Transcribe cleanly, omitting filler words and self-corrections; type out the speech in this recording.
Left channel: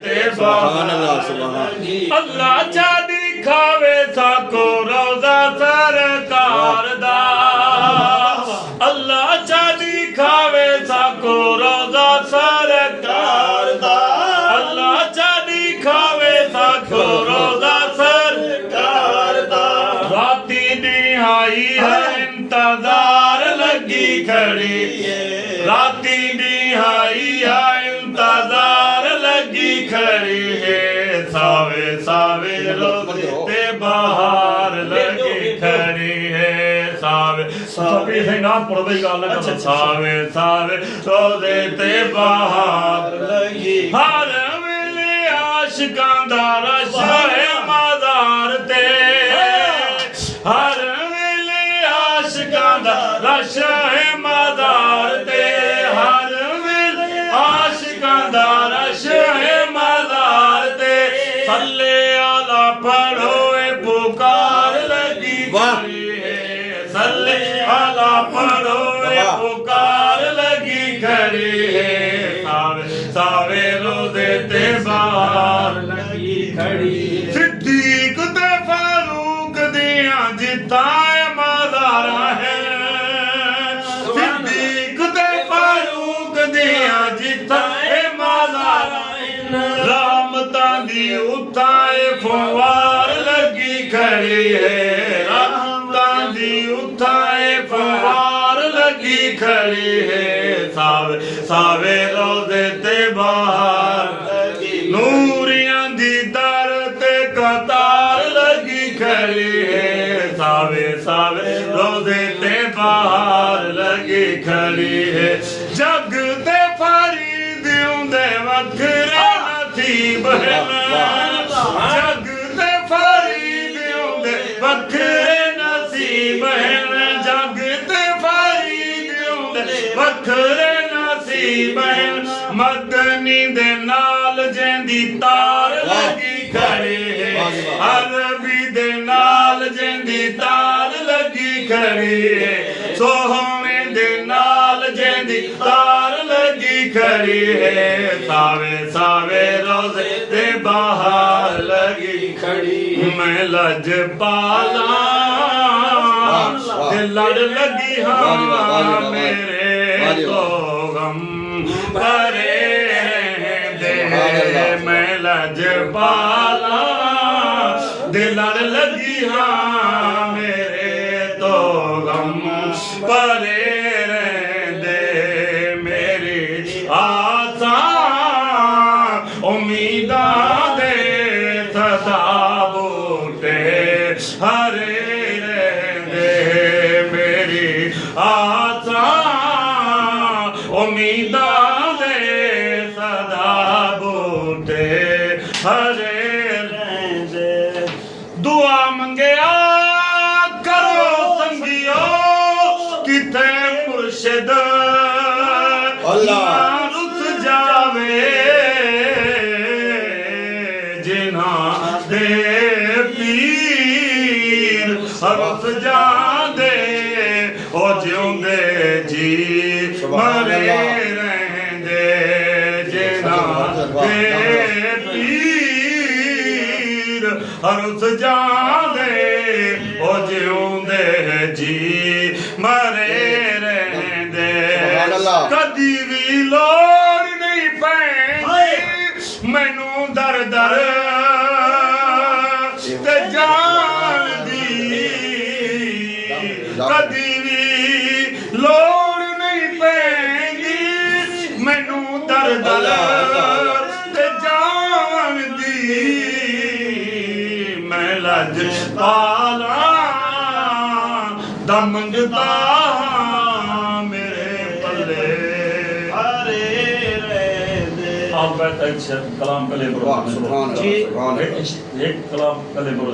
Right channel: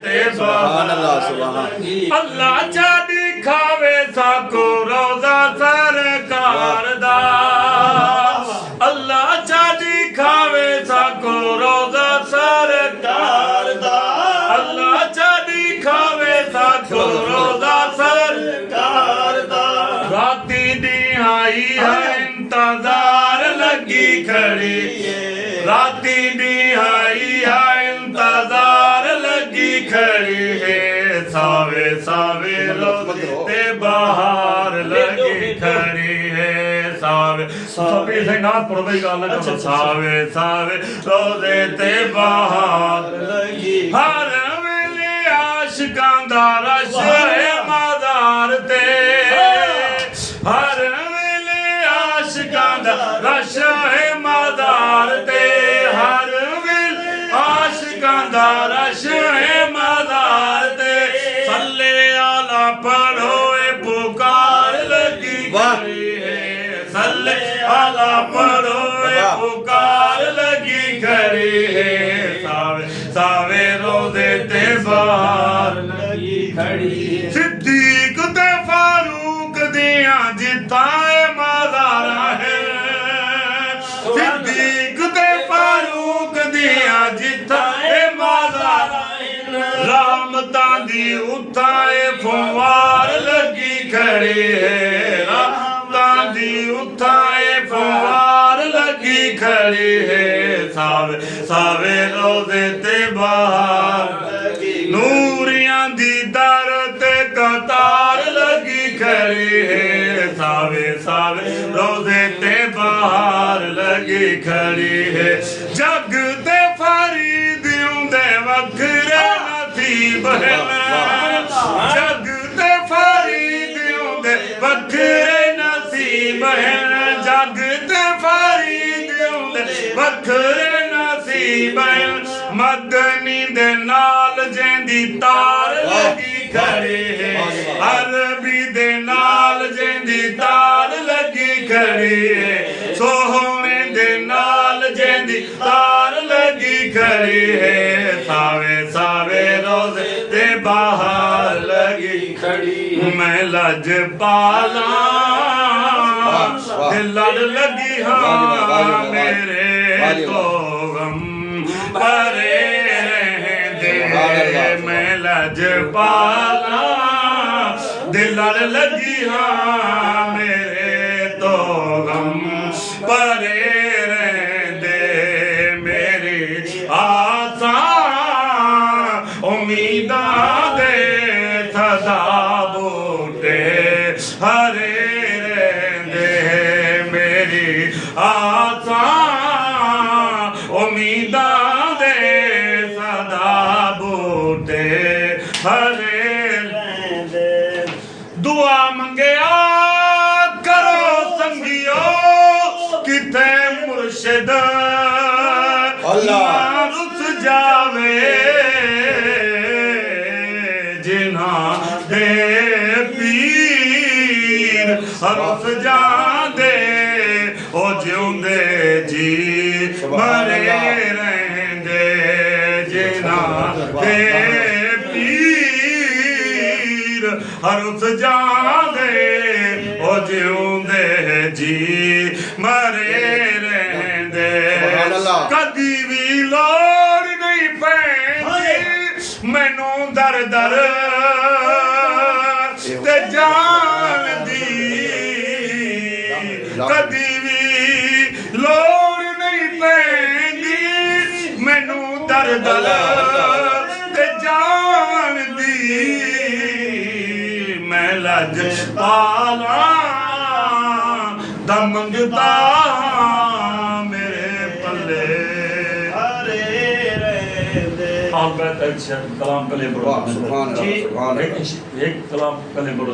सुभान अल्लाह सुभान अल्लाह चादी खावे साको रोजा सरकार दा। अल्लाह चादी खावे साको रोजा सरकार दा। अल्लाह चादी खावे साको रोजा सरकार दा। राती निहाई है इंतजार लगी खड़ी, राती निहाई है इंतजार लगी खड़ी है। सावे सावे रोज़े ते बहार लगी खड़ी है। सावे सभी से ना पढ़ गल कर। सावे सावे रोज़े ते बहार लगी, हर वेले आशिकां दा रश है मज़ार ते। हर वेले आशिकां दा रश है मज़ार ते। हर वेले आशिकां दा रश है मज़ार ते। सल्ले आला पढ़ो ए पुकार लगी खड़ी है। सल्ले आला पढ़ो ए पुकार लगी खड़ी है। सावे सावे रोज़े ते बहार लगी खड़ी है। सिद्दीक ते फारूक दिया जिताए मज़ारा है। सिद्दीक ते फारूक दिया जिताए मज़ारा है। रहमतां दी उताए फुवार लगी खड़ी है। रहमतां दी उताए फुवार लगी खड़ी है। सावे सावे रोज़े ते बहार लगी, नूरियां दी दर ते कतार लगी खड़ी है। सावे सावे रोज़े ते बहार लगी खड़ी है। जग ते फरीद उंदे वखरे नसीब है। जग ते फरीद उंदे वखरे नसीब है। जग ते फरीद उंदे वखरे नसीब है। मदनी दे नाल जेंदी तार लगी खड़ी है। अरबी दे नाल जेंदी तार लगी खड़ी है। सोहने दे नाल जेंदी तार लगी खड़ी है। सावे सावे रोज़े ते बहार लगी खड़ी। मैं लजपाला लड़ लगी हाँ मेरे तो गम परे दे। मैं लजपाला लड़ लगी हाँ मेरे तो गम परे दे। मेरी आसा उम्मीदा दे सदा बूटे हरे दे। मेरी आसा उम्मीदा दे सदा बूटे हरे दे। दुआ मंगया करो संगियो किथे मुर्शिद अल्लाह रुस जावे। जिना दे पीर रुस जांदे ओ जिउंदे जी मरे रहंदे। जिना दे पीर रुस जांदे ओ जिउंदे जी मरे रहंदे। कदी भी लोड़ नहीं पैंदी मैनू दर दर ते जान दी। कदी भी लोड़ नहीं पैंदी मैनू दर दर ते जान दी। मैं लजपाला दम जुदा कलाम कले सुभान अल्लाह सुभान अल्लाह एक कलाम कले बोलो।